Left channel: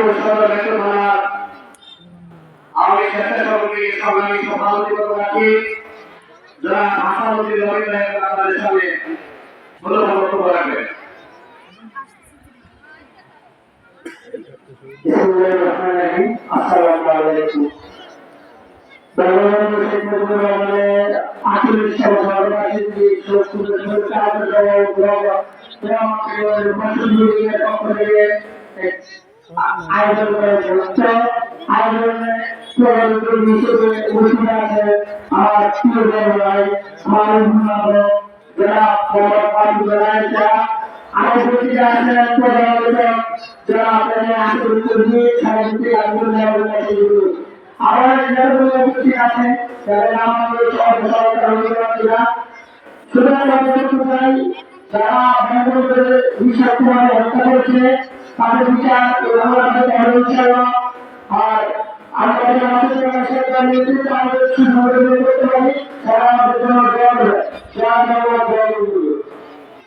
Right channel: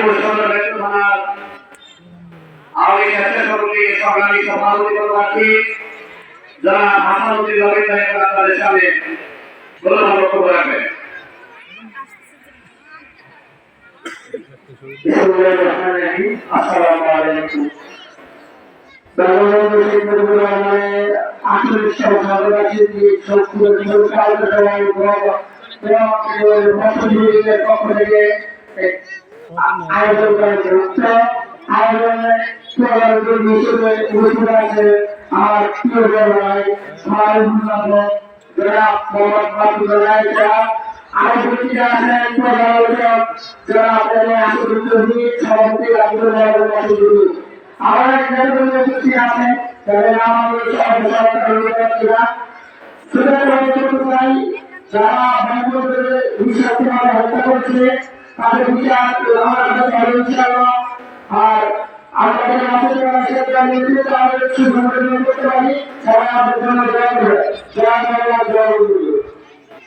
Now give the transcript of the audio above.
গাজীপুর সদর মেট্রো থানার আওয়ামী স্বেচ্ছাসেবক সংগ্রামী সভাপতি পদপ্রার্থী যারা হাসানুদ্দিন নবীন সাহেব আপনাদের সামনে মূল্যবান বক্তব্য রাখবেন। আসসালামু আলাইকুম। বঙ্গবন্ধু শেখ মুজিবুর রহমানের 48 সাল সর্বশেষ শত্রুর কার্যক্রমের পক্ষ থেকে আয়োজন করা হচ্ছে। আয়োজনে হিসেবে উপস্থিত আছে আমার প্রিয় ভাই আমার অভিভাবক যারা আছেন যারা আপনাদের সভাপতি আব্দুল আবার উপস্থিত আছেন তাদের নাম আমাদের সহযোগিতা যারা বঙ্গবন্ধুর নিঃস্বার্থভাবে হত্যা করেছে তাদের বিচার আর আমাদের নেতৃত্বে করতে পারি।